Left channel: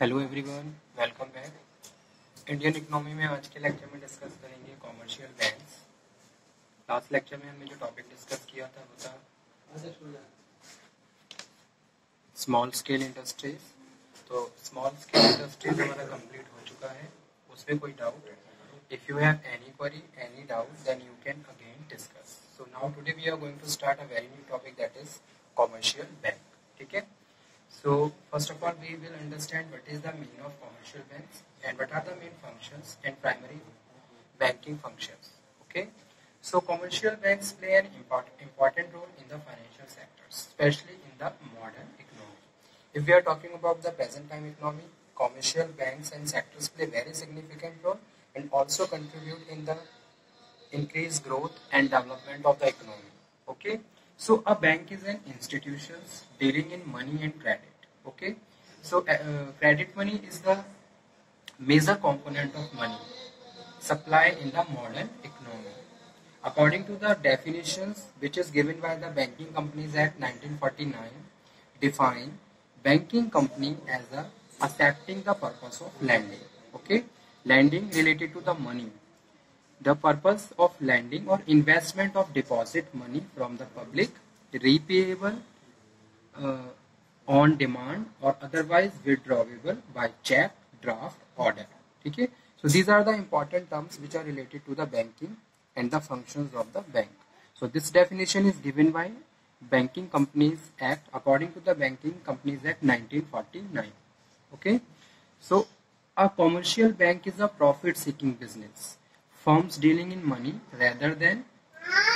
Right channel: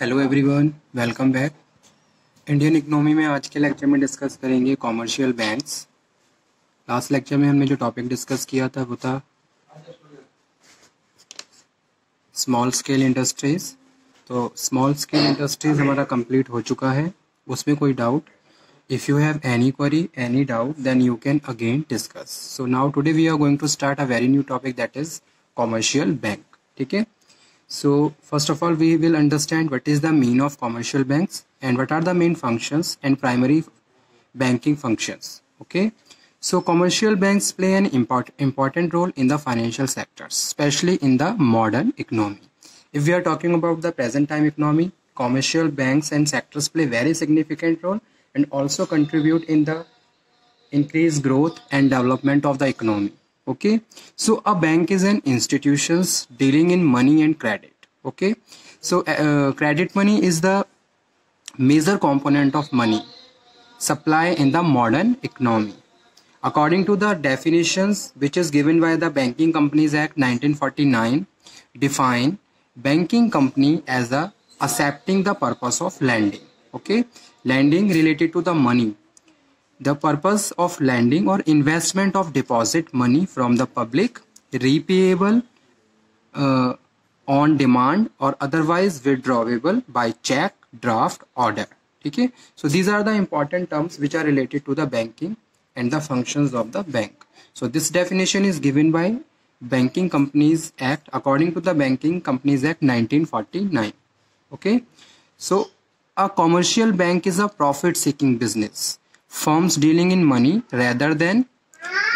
Hello everyone, welcome back. Indian economy में आज के लेक्चर में डिस्कस करेंगे कॉमर्शियल बैंक्स। लास्ट लेक्चर में हमने जो टॉपिक डिस्कस किया था वो था स्मॉल स्केल इंडस्ट्रीज। तो स्मॉल स्केल इंडस्ट्रीज हमारा कंप्लीट हो चुका है, उसमें कोई doubt? If you have any query, any doubt, then you can again discuss. So now today we are going to start a very new topic, that is commercial bank. ठीक है। So first of all, we will understand what is the mean of commercial banks and what are the main functions and primary banking functions. Okay. So commercial banks play an important role in the financial sectors, especially in the modern economy. If we are talking about the present time economy, commercial banks and sectors play very significant role and also contribute in the increased growth and development of the economy. Okay, so a bank is an institutions dealing in money and credit. Okay, so credit money is the major component of money supply in the modern economy. According to the definitions which is given by the Banking Companies Act 1949, define banking company as the accepting the purpose of lending. Okay, lending related to the money, the purpose of lending or investment of deposit money from the public, repayable uh, on demand or otherwise withdrawable by check, draft, order. Okay, so these are the important terms which are related to the banking and the functions of the bank. So this definition is given by Banking Companies Act according to the Banking Companies Act 1949. Okay, so a commercial bank is a profit seeking business, firms dealing in money rather than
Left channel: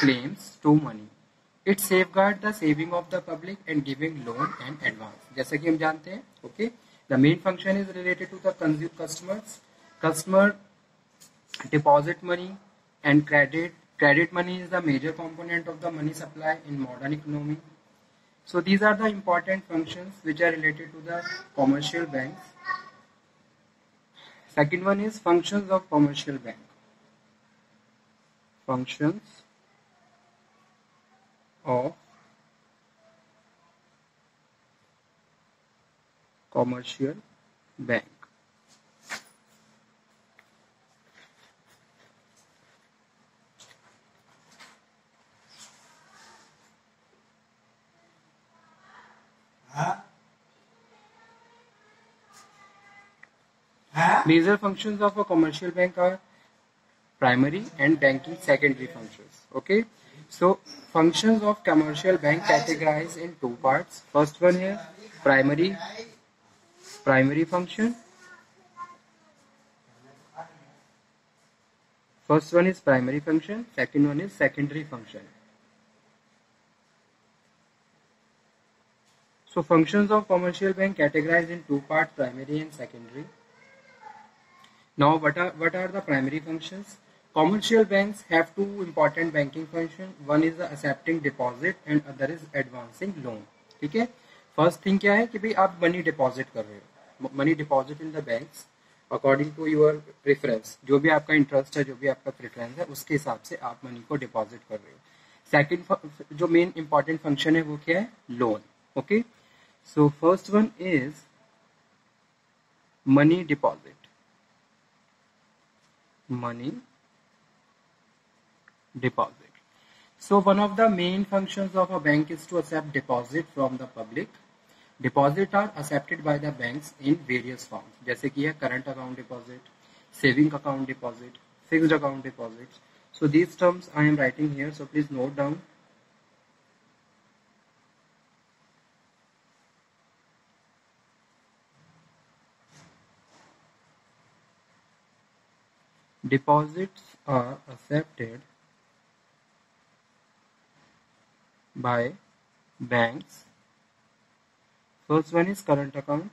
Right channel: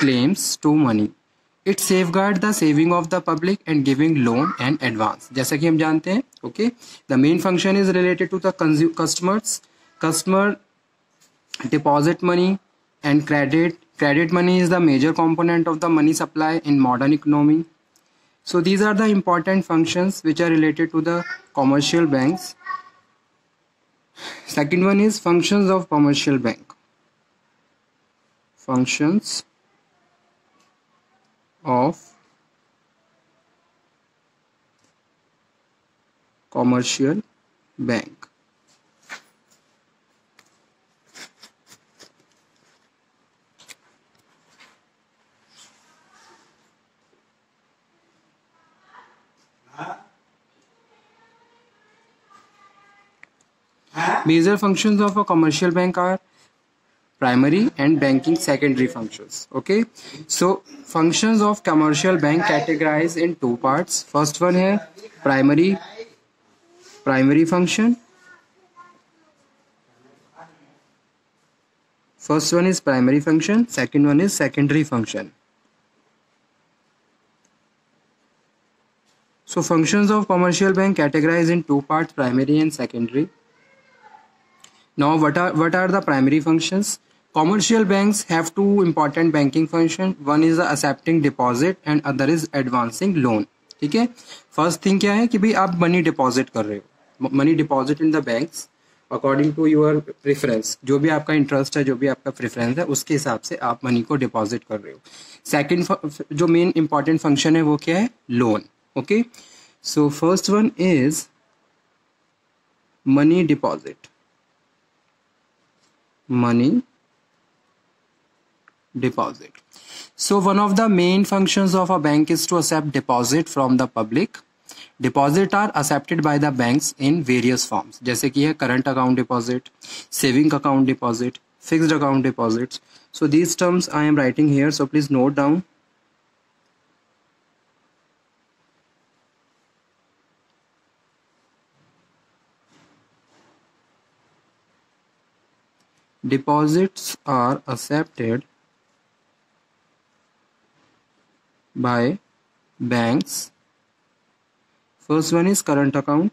claims to money. It safeguard the saving of the public and giving loan and advance. जैसा कि हम जानते हैं, okay, the main function is related to the customers. Customer deposit money and credit money is the major component of the money supply in modern economy. So these are the important functions which are related to the commercial banks. Second one is functions of commercial bank. Functions of commercial bank. Major functions of a commercial bank are primary and banking secondary functions. Okay, so functions of commercial bank categorized in two parts. First one here, primary function. First one is primary function, second one is secondary function. So functions of commercial bank categorized in two parts, primary and secondary. Now what are the primary functions? Commercial banks have two important banking functions. One is accepting deposit and other is advancing loan. ठीक है, first thing क्या है कि भाई आप money deposit कर रहे हो, money deposit in the banks according to your preference, जो भी आपका इंटरेस्ट है, जो भी आपका प्रेफरेंस है, उसके हिसाब से आप मनी को डिपॉजिट कर रहे हो. सेकंड जो मेन इंपॉर्टेंट फंक्शन है वो क्या है? Loan. Okay, so first one is money deposit. Money deposit. So one of the main functions of a bank is to accept deposit from the public. Deposit are accepted by the banks in various forms, जैसे कि है current account deposit, saving account deposit, fixed account deposits. So these terms I am writing here, so please note down. Deposits are accepted by banks. First one is current account.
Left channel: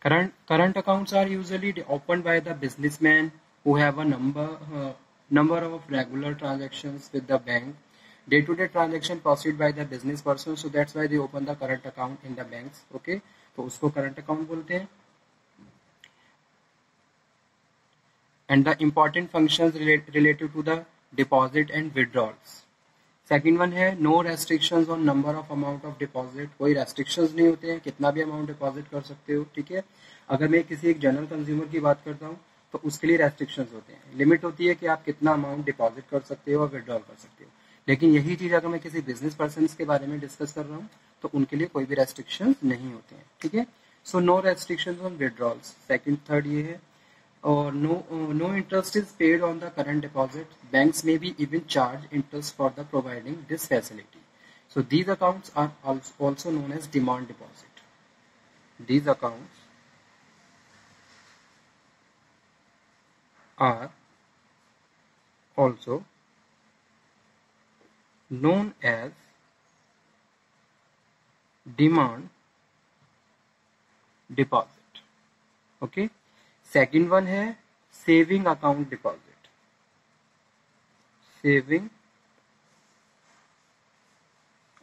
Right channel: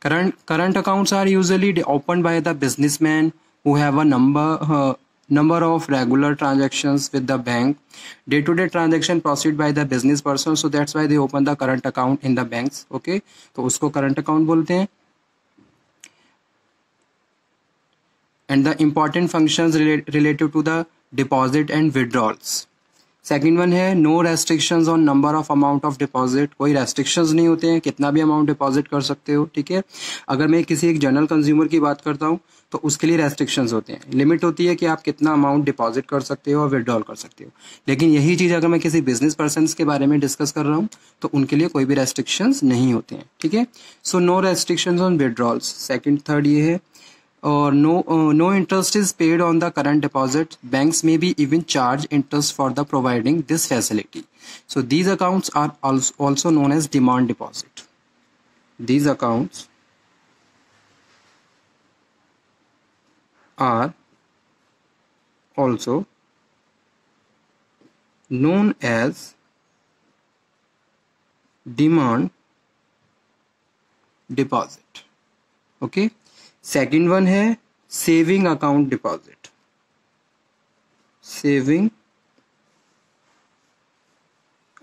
Current accounts are usually opened by the businessman who have a number of regular transactions with the bank. Day-to-day transaction proceed by the business person, so that's why they open the current account in the banks. Okay, तो उसको current account बोलते हैं. And the important functions related to the deposit and withdrawals. Second one है no restrictions on number of amount of deposit, कोई restrictions नहीं होते हैं, कितना भी अमाउंट डिपॉजिट कर सकते हो, ठीक है। अगर मैं किसी एक जनरल कंज्यूमर की बात करता हूँ तो उसके लिए रेस्ट्रिक्शंस होते हैं, लिमिट होती है कि आप कितना अमाउंट डिपॉजिट कर सकते हो और विड्रॉल कर सकते हो। लेकिन यही चीज़ अगर मैं किसी बिजनेस पर्सन के बारे में डिस्कस कर रहा हूँ तो उनके लिए कोई भी रेस्ट्रिक्शंस नहीं होते हैं, ठीक है। So no restrictions on withdrawals. Second third ये है or no interest is paid on the current deposit. Banks may be even charge interest for the providing this facility. So these accounts are also known as demand deposit. These accounts are also known as demand deposit. Okay. Second one है saving account deposit. Saving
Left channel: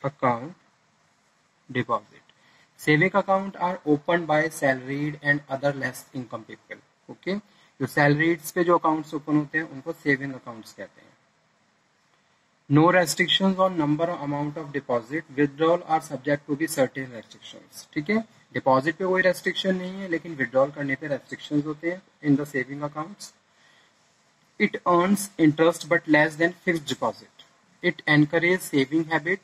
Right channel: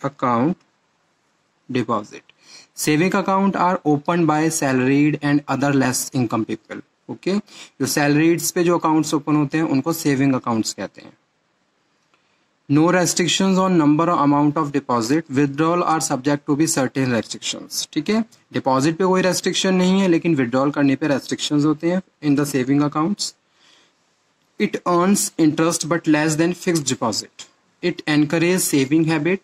account deposit, saving account are open by salaried and other less income people. Okay, जो salarieds पे जो accounts open होते हैं उनको saving accounts कहते हैं। No restrictions on number और amount of deposit, withdrawal are subject to be certain restrictions. ठीक है, डिपॉजिट पे कोई रेस्ट्रिक्शन नहीं है लेकिन विदड्रॉल करने पे रेस्ट्रिक्शंस होते हैं in the saving accounts. It earns interest but less than fixed deposit. It encourage saving habit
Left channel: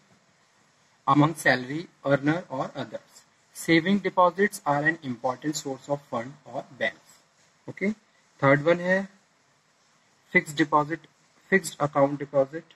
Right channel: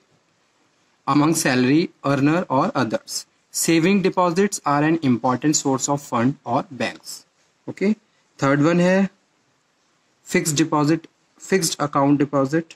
among salary earner or others. Saving deposits are an important source of fund or banks. Okay. Third one है fixed deposit, fixed account deposit.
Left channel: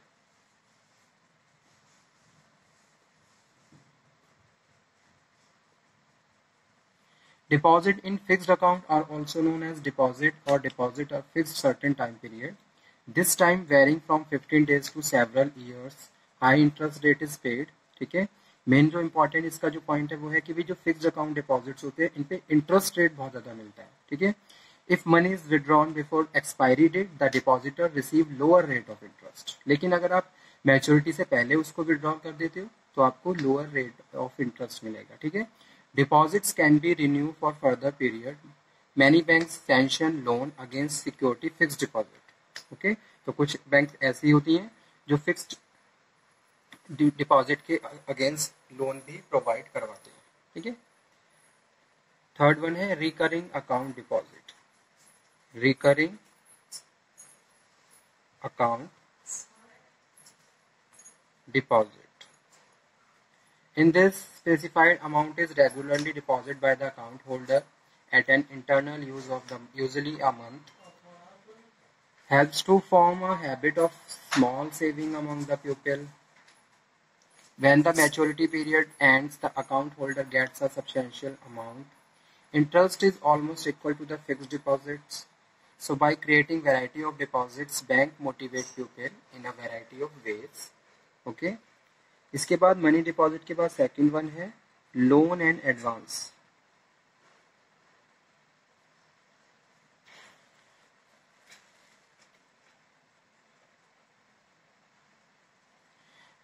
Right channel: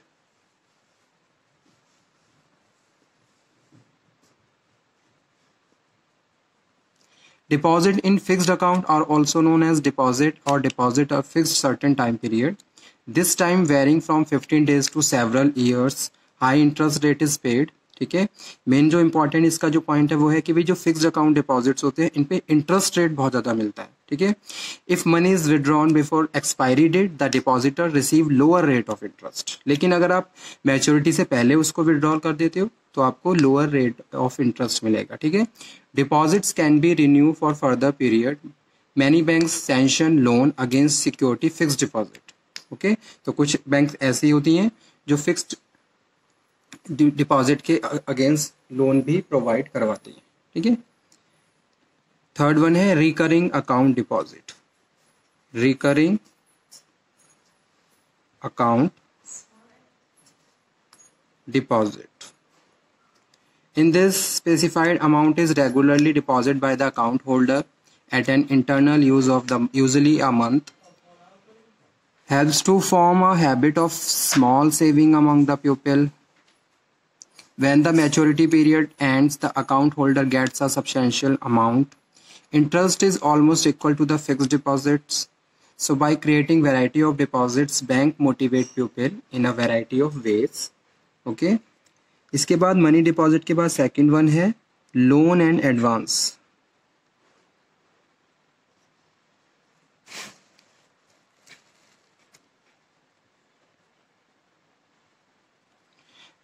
Deposit in fixed account are also known as deposit or deposit of fixed certain time period. This time varying from 15 days to several years. High interest rate is paid. ठीक है, main जो important इसका जो point है वो है कि भाई जो फिक्स्ड अकाउंट डिपॉजिट्स होते हैं इन पे इंटरेस्ट रेट बहुत ज्यादा मिलता है। ठीक है, if money is withdrawn before expiry date the depositor receive lower rate of interest. लेकिन अगर आप मैच्योरिटी से पहले उसको विड्रॉल कर देते हो तो आपको लोअर रेट ऑफ इंटरेस्ट मिलेगा। ठीक है, deposits can be renew for further period. Many banks sanction loan against security fixed deposit. Okay, तो कुछ बैंक ऐसी होती हैं जो फिक्स्ड डिपॉजिट के अगेंस्ट लोन भी प्रोवाइड करवाती है। ठीक है, थर्ड वन है recurring account deposit. Recurring account deposit, in this specified amount is regularly deposited by the account holder at an internal use of the usually a month, helps to form a habit of small saving among the pupil. When the maturity period ends, the account holder gets a substantial amount. Interest is almost equal to the fixed deposits. So by creating variety of deposits, bank motivate pupil in a variety of ways. Okay. इसके बाद money deposit के बाद second one है loan and advance.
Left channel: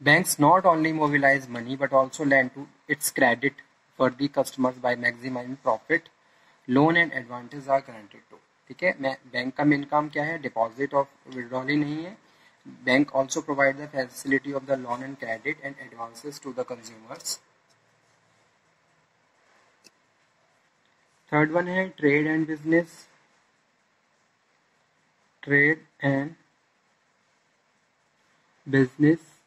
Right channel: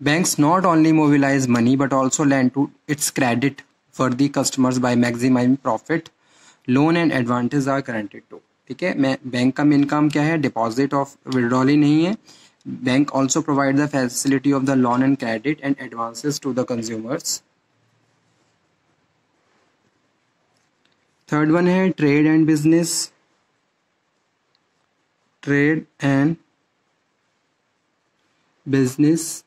Banks not only mobilize money but also lend to its credit for the customers by maximizing profit. Loan and advances are guaranteed to. ठीक है, bank का main काम क्या है? Deposit of withdrawal ही नहीं है। Bank also provide the facility of the loan and credit and advances to the consumers. Third one है trade and business. Trade and business,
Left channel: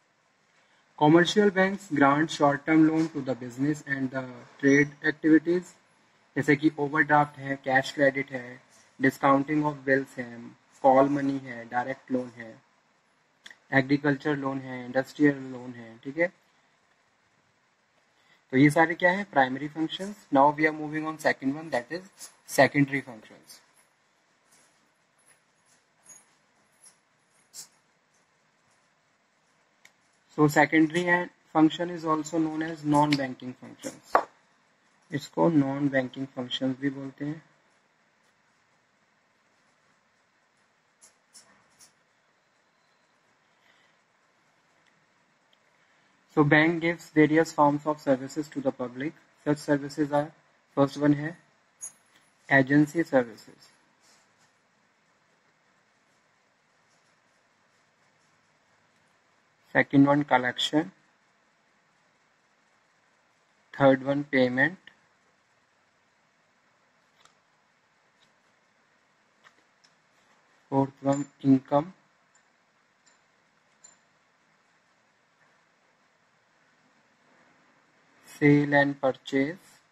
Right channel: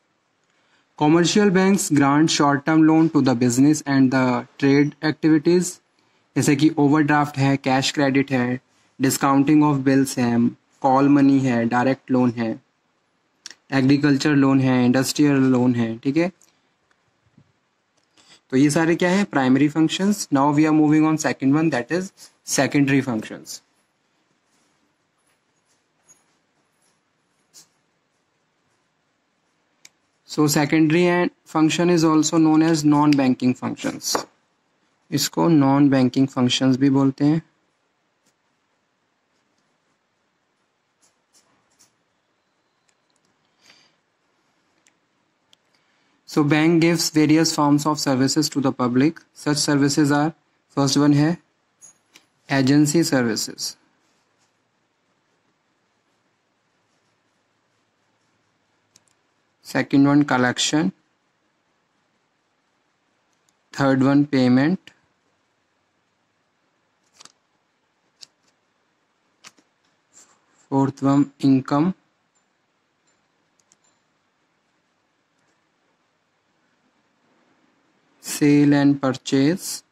commercial banks grant short term loan to the business and the trade activities, जैसे कि overdraft है, cash credit है, discounting of bills है, call money है, direct loan है, agriculture loan है, industrial loan है। ठीक है, तो ये सारे क्या है? Primary functions. Now we are moving on second one, that is secondary functions. So secondary and function is also known as non-banking functions. इसको non-banking functions भी बोलते हैं। So bank gives various forms of services to the public. Such services are, first one है agency services. second one collection, third one payment, fourth one income, sale and purchase,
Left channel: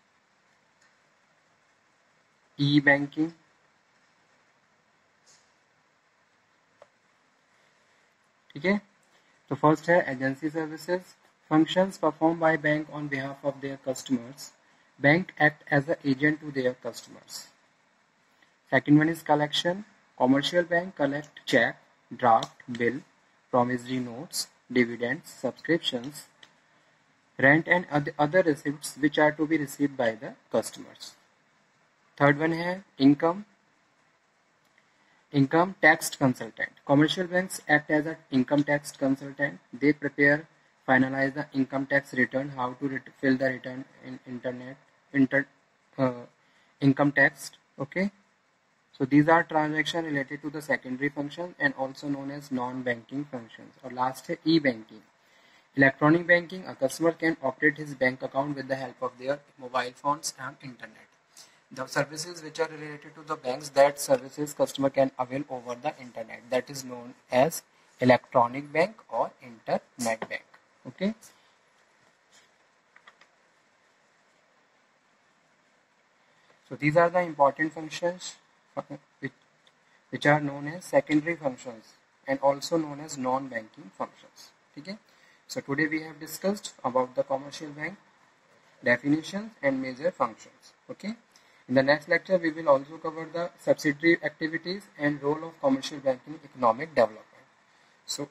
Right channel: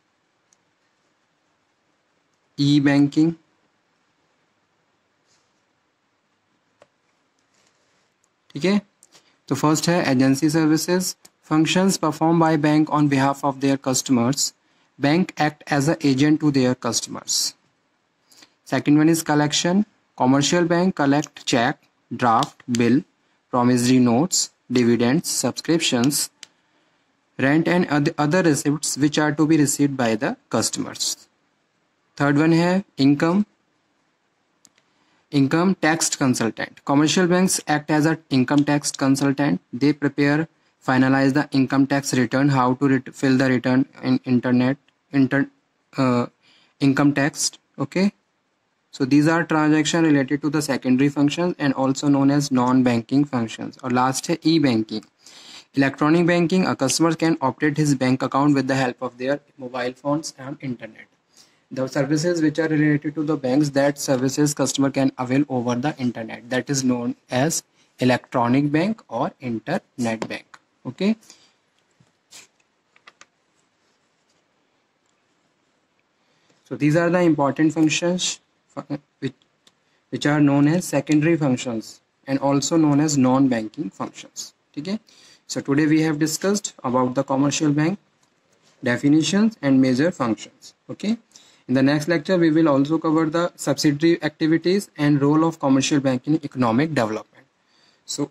e-banking, ठीक है। तो first है agency services, functions performed by bank on behalf of their customers. Bank act as an agent to their customers. Second one is collection. Commercial bank collect check, draft, bill, promissory notes, dividends, subscriptions, rent and other receipts which are to be received by the customers. Third one है income. Income tax consultant. Commercial banks act as an income tax consultant. They prepare, finalize the income tax return, how to fill the return in income tax. Okay, so these are transaction related to the secondary functions and also known as non-banking functions. और last है e-banking. Electronic banking, a customer can operate his bank account with the help of their mobile phones and internet. The services which are related to the banks, that services customer can avail over the internet, that is known as electronic bank or internet bank. Okay, so these are the important functions which are known as secondary functions and also known as non-banking functions. Okay, so today we have discussed about the commercial bank, definitions and major functions. Okay, in the next lecture we will also cover the subsidiary activities and role of commercial bank in economic development. So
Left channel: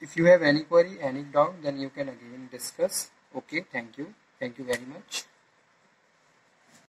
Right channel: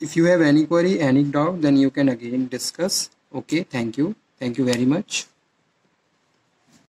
if you have any query, any doubt, then you can again discuss. Okay, thank you very much.